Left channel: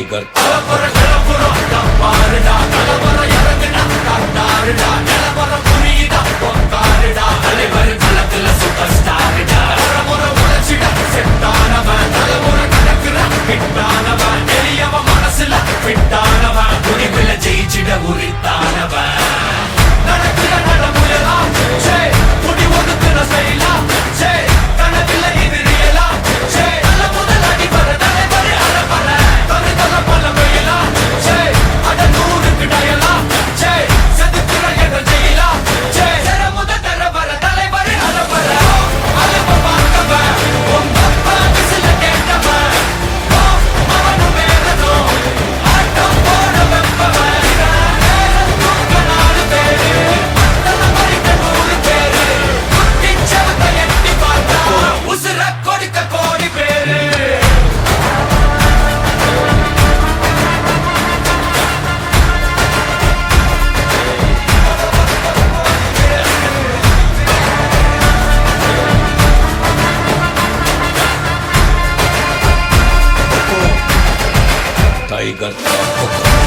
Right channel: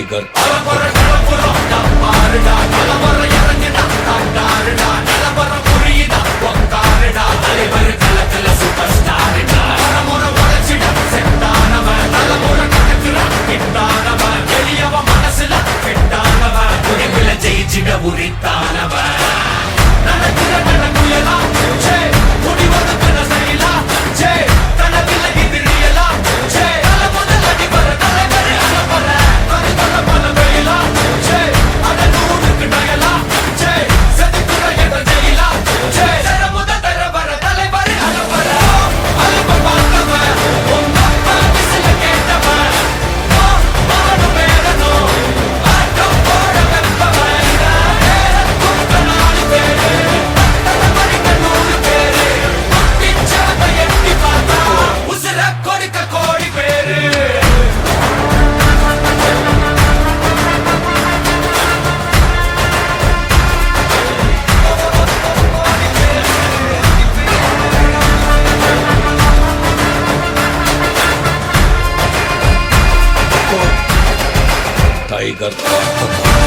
tiger ஜெயிச்சிட உரித்தானவன் நடக்கிற நடமுயலா முடி ஒதுக்குன செயலா கனவில்ல இது ரியலா தல முதல் அடிபர தலைவரே அனபர தனி தல பல வெயிலா அட நூறுக்கு டயலா செதுக்குற எட ஜெயிலா தர முதல் தரவர தலைவரே அனபர அலுப்ப பார்த்தவன் உங்க அப்பா விசில கேட்டவன் அவனும் பேரனும் ஆட்டம் போட வெப்பவன் टाइगर का हुक्म